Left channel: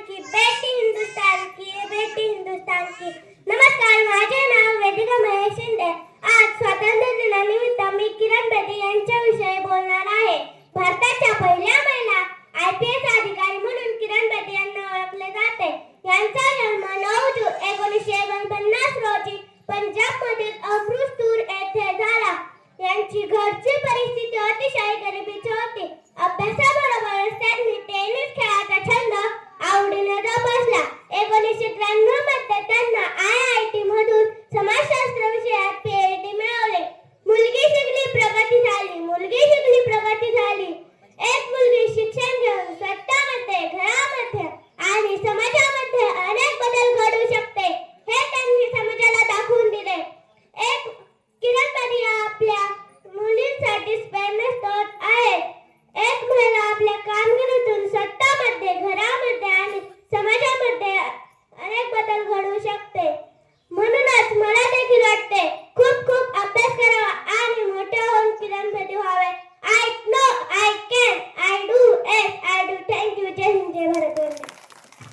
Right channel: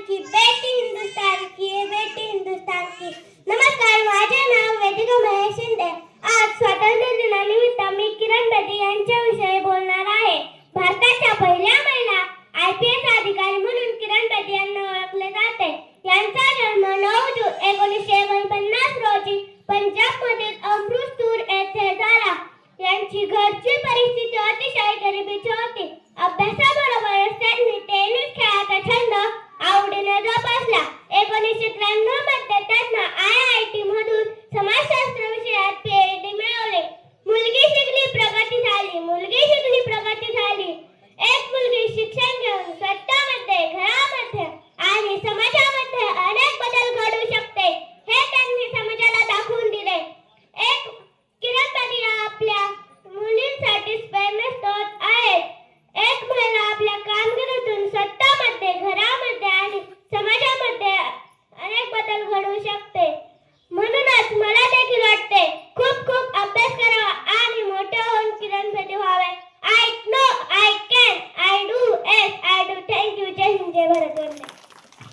की बेटी हिंदुस्तान की बेटी हिंदुस्तान की। नमस्कार माझे नाव वेदिका महेश शिंदे. आज स्वातंत्र्य दिनानिमित्त मी किरण बेदी यांच्याविषयी बोलणार आहे. भारताच्या पहिल्या महिला आय पी एस अधिकारी म्हणून किरण बेदी यांना ओळखले जाते. यांचा जन्म नऊ जून एकोणीसशे एकोणपन्नास रोजी पंजाब